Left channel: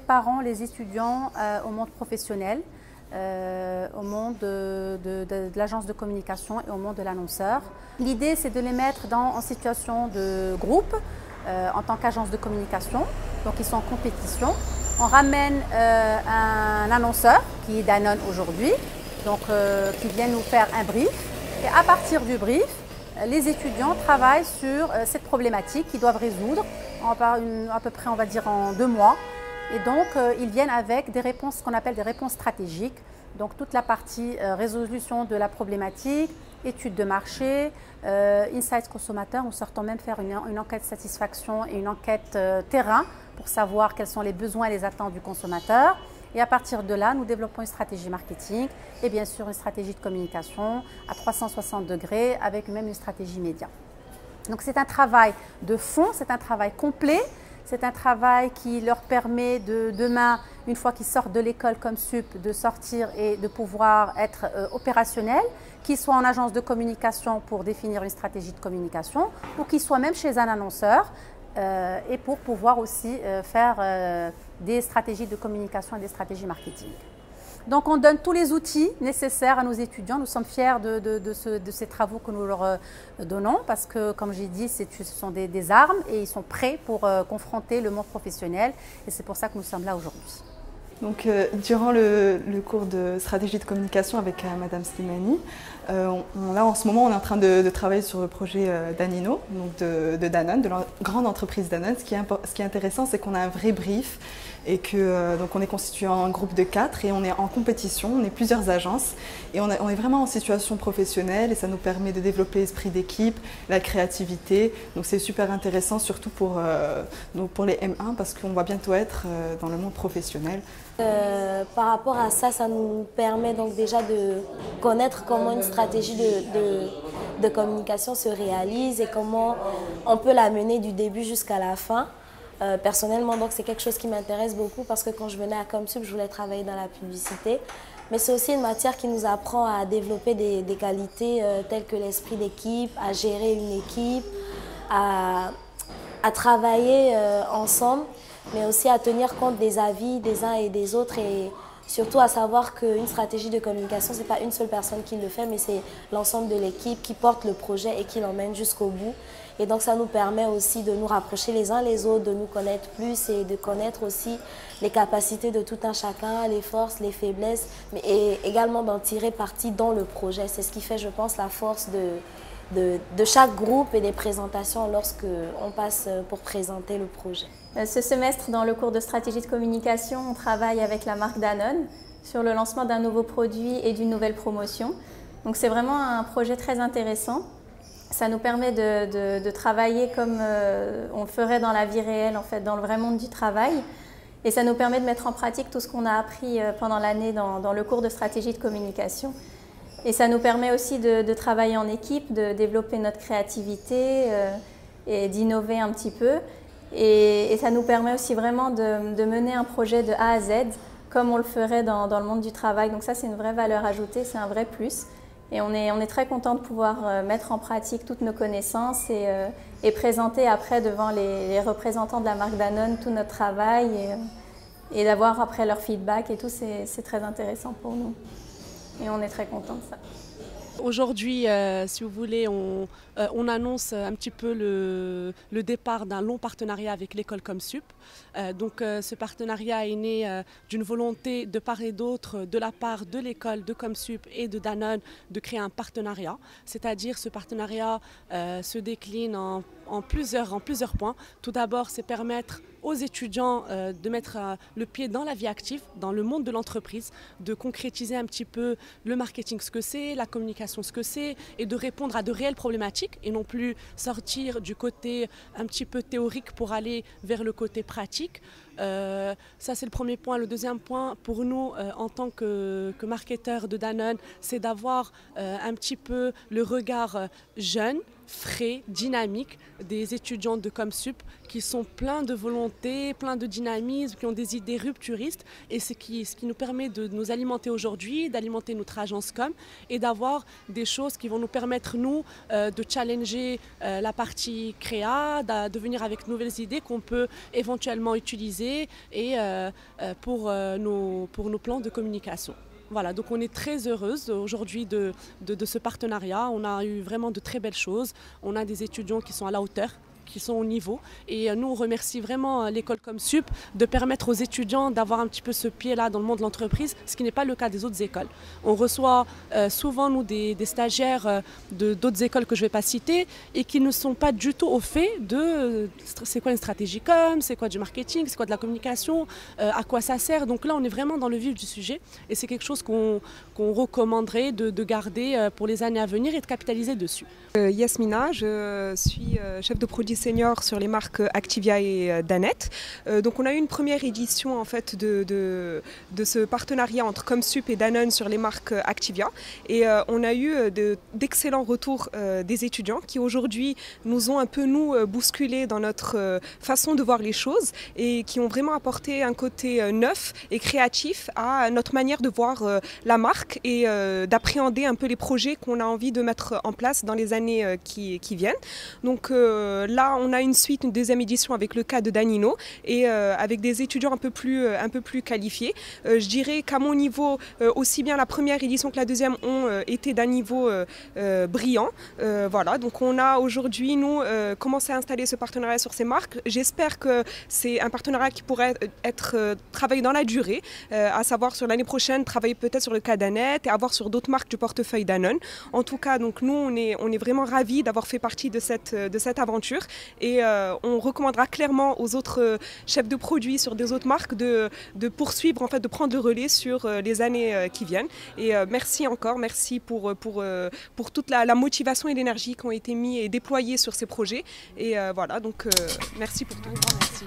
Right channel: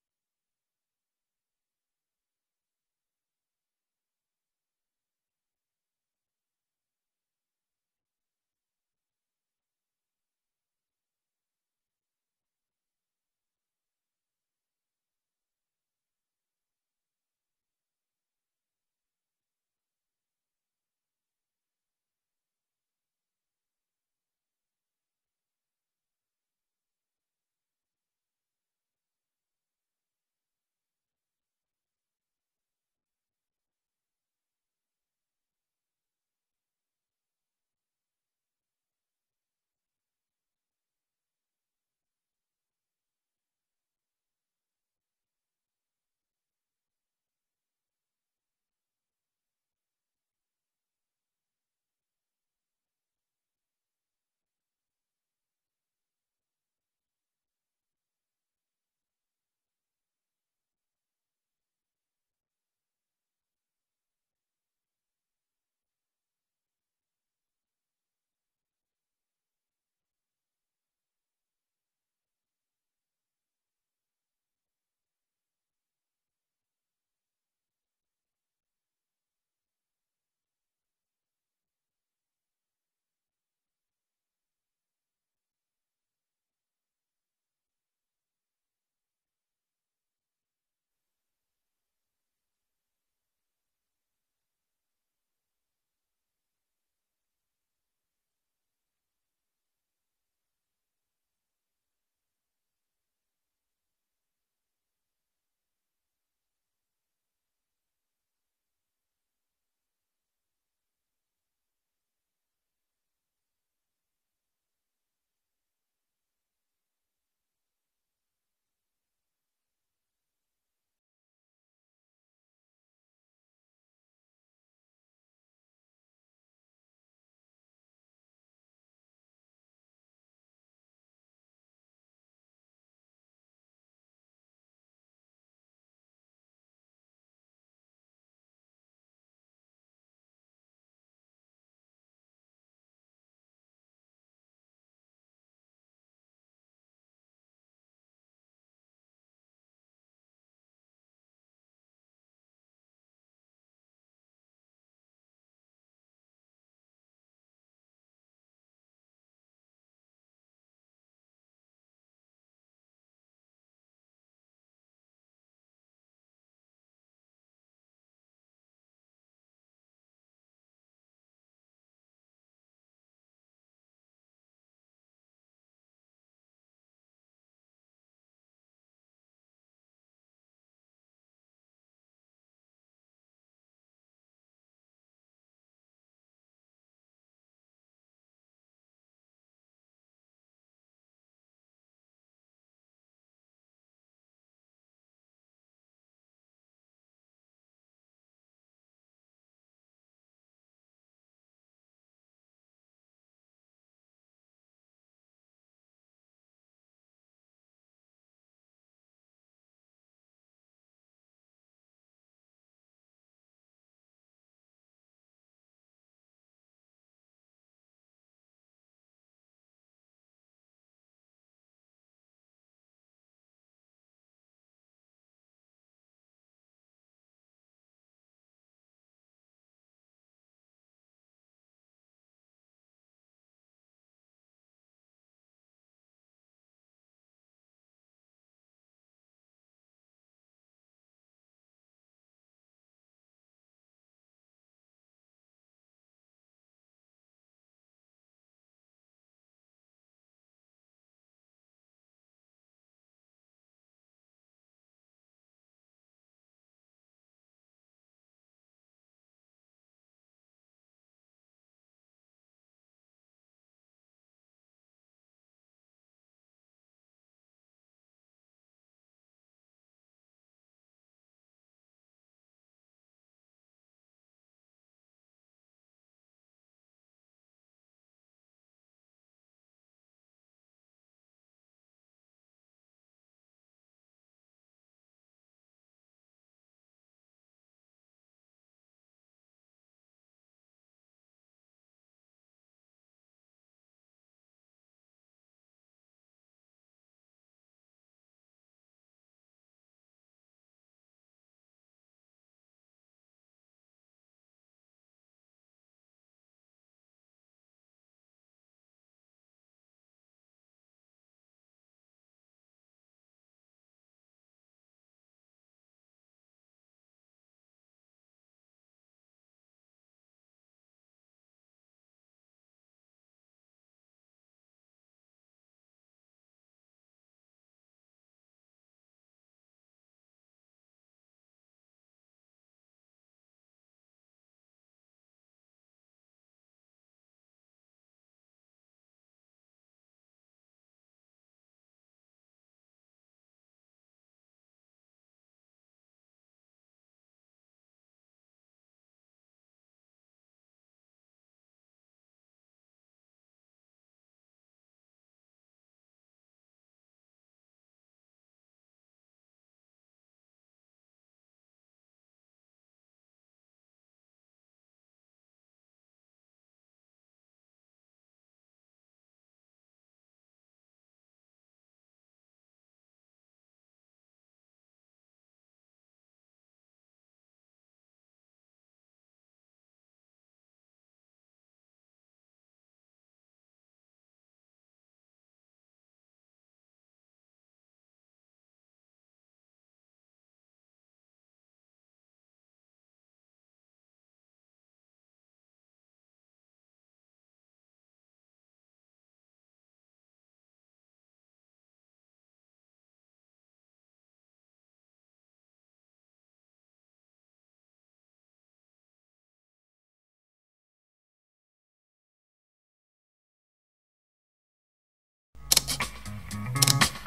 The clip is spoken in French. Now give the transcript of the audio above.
préparons les étudiants au monde professionnel, au monde de l'agence de communication et au monde de l'annonceur. L'idée, c'est de les mettre en situation de groupe en tant qu'agence de communication. Donc, ils sont en compétition. On ramène un annonceur qui est Danone aujourd'hui, donc qui vient nous faire un brief. Et à partir du brief, les étudiants travaillent sur cette problématique qu'ils doivent résoudre à peu près, on va dire, en 2 mois. Et donc, ils viennent avec des réponses, ce qu'on appelle des réponses stratégiques. Donc, toute la partie résolution de la problématique, étude de marché, insights consommateurs. Nous sortons même faire une enquête satisfaction et une enquête terrain pour savoir quels sont les besoins et les attentes du consommateur. Et à partir de là, nous développons une stratégie marketing et bien sûr une stratégie de communication à 360 degrés avec même une stratégie média. Donc c'est un travail de fond, c'est un travail complet, c'est un travail qui leur permet de demain, une fois qu'ils sortent de l'école comme SUP, de sortir et de pouvoir être opérationnels, qu'ils soient en agence de communication pour définir une stratégie de communication ou qu'ils soient même chez un annonceur et pour pouvoir aussi faire des stratégies de communication et des stratégies marketing. Donc on donne tous les outils nécessaires à nos étudiants. Nous sommes fiers de ces travaux que nous leur donnons parce que, comme j'ai dit, ce sont des armes et ils sont prêts pour confronter le monde professionnel et c'est pour ça que nous sommes là aujourd'hui. Donc, durant le cours de stratégie de communication avec Madame Slimani, là en ce moment on est en train de travailler sur le projet Danino, donc de Danone, de la grande entreprise Danone. Ce qui est intéressant, c'est qu'on a un vrai brief et que donc on est constitué en groupe de 4 et on est en compétition, on est plusieurs agences et on est vraiment en situation professionnelle et ça nous permet de développer l'esprit d'équipe, la créativité. Donc c'est super intéressant surtout pour les M1 parce qu'on va bientôt être dans le monde professionnel. Par rapport à ça, ça nous permet donc déjà de connaître comment une stratégie de communication se réalise et comment on peut la mener du début jusqu'à la fin. Personnellement, donc c'est quelque chose qui m'intéresse beaucoup parce que quand je venais à ComSup, je voulais travailler dans la publicité. Mais c'est aussi une matière qui nous apprend à développer des qualités telles que l'esprit d'équipe, à gérer une équipe, à travailler ensemble, mais aussi à tenir compte des avis des uns et des autres et surtout à savoir qu'une stratégie de communication, ce n'est pas une seule personne qui le fait, mais c'est l'ensemble de l'équipe qui porte le projet et qui l'emmène jusqu'au bout. Et donc ça nous permet aussi de nous rapprocher les uns les autres, de nous connaître plus et de connaître aussi les capacités de tout un chacun, les forces, les faiblesses, mais également d'en tirer parti dans le projet. C'est ce qui fait, je pense, la force de chaque groupe et des présentations lorsqu'on passe pour présenter le projet. Ce semestre, dans le cours de stratégie de communication, on travaille avec la marque Danone sur le lancement d'un nouveau produit et d'une nouvelle promotion. Donc c'est vraiment un projet très intéressant. Ça nous permet de travailler comme on le ferait dans la vie réelle, en fait, dans le vrai monde du travail. Et ça nous permet de mettre en pratique tout ce qu'on a appris pendant l'année dans le cours de stratégie de communication. Et ça nous permet aussi de travailler en équipe, de développer notre créativité et d'innover un petit peu. Et ça nous permet aussi vraiment de mener un projet de A à Z, comme on le ferait dans le monde du travail. Donc ça, c'est une vraie valeur ajoutée, c'est un vrai plus. Et on est très content de pouvoir mettre en pratique toutes nos connaissances et présenter après devant les représentants de la marque Danone tout notre travail et d'avoir après leur feedback et tout, c'est très intéressant pour nous. Et on est très content de ça. Aujourd'hui, si vous voulez, on annonce un petit peu le départ d'un long partenariat avec l'école ComSup. Donc ce partenariat est né d'une volonté de part et d'autre de la part de l'école de ComSup et de Danone de créer un partenariat. C'est-à-dire ce partenariat se décline en plusieurs points. Tout d'abord, c'est permettre aux étudiants de mettre le pied dans la vie active, dans le monde de l'entreprise, de concrétiser un petit peu le marketing, ce que c'est, la communication, ce que c'est, et de répondre à de réelles problématiques et non plus sortir du côté un petit peu théorique pour aller vers le côté pratique. Ça, c'est le premier point. Le deuxième point, pour nous, en tant que marketeurs de Danone, c'est d'avoir un petit peu le regard jeune, frais, dynamique, des étudiants de ComSup qui sont pleins de volonté, pleins de dynamisme, qui ont des idées rupturistes et ce qui nous permet de nous alimenter aujourd'hui, d'alimenter notre agence Com et d'avoir des choses qui vont nous permettre, nous, de challenger la partie créa, de venir avec de nouvelles idées qu'on peut éventuellement utiliser et pour nos plans de communication. Voilà, donc on est très heureuse aujourd'hui de ce partenariat. On a eu vraiment de très belles choses. On a des étudiants qui sont à la hauteur, qui sont au niveau. Et nous, on remercie vraiment l'école ComSup de permettre aux étudiants d'avoir un petit peu ce pied-là dans le monde de l'entreprise, ce qui n'est pas le cas des autres écoles. On reçoit souvent, nous, des stagiaires d'autres écoles que je ne vais pas citer et qui ne sont pas du tout au fait de c'est quoi une stratégie com, c'est quoi du marketing, c'est quoi de la communication, à quoi ça sert. Donc là, on est vraiment dans le vif du sujet et c'est quelque chose qu'on recommanderait de garder pour les années à venir et de capitaliser dessus. Yasmina, je suis chef de produit senior sur les marques Activia et Danette. Donc on a eu une première édition en fait de ce partenariat entre ComSup et Danone sur les marques Activia et on a eu d'excellents retours des étudiants qui aujourd'hui nous ont un peu bousculé dans notre façon de voir les choses et qui ont vraiment apporté un côté neuf et créatif à notre manière de voir la marque et d'appréhender un peu les projets qu'on a envie de mettre en place dans les années qui viennent. Donc là, on a une deuxième édition avec le cas de Danino et avec des étudiants un peu plus qualifiés. Je dirais qu'à mon niveau, aussi bien la première édition que la deuxième ont été d'un niveau brillant. Voilà, donc on a aujourd'hui, nous, commencé à installer ce partenariat sur ces marques. J'espère que c'est un partenariat qui pourrait être travaillé dans la durée, à savoir sur l'année prochaine, travailler peut-être sur le cas Danette et avoir sur d'autres marques du portefeuille Danone. En tout cas, donc nous, on est vraiment ravis d'avoir fait partie de cette aventure et on recommandera clairement aux autres chefs de produits sur des autres marques de poursuivre, en fait, de prendre le relais sur les années qui viennent. Et merci encore, merci pour toute la motivation et l'énergie qui ont été mis et déployées sur ces projets. Et voilà, donc merci pour tout. Merci.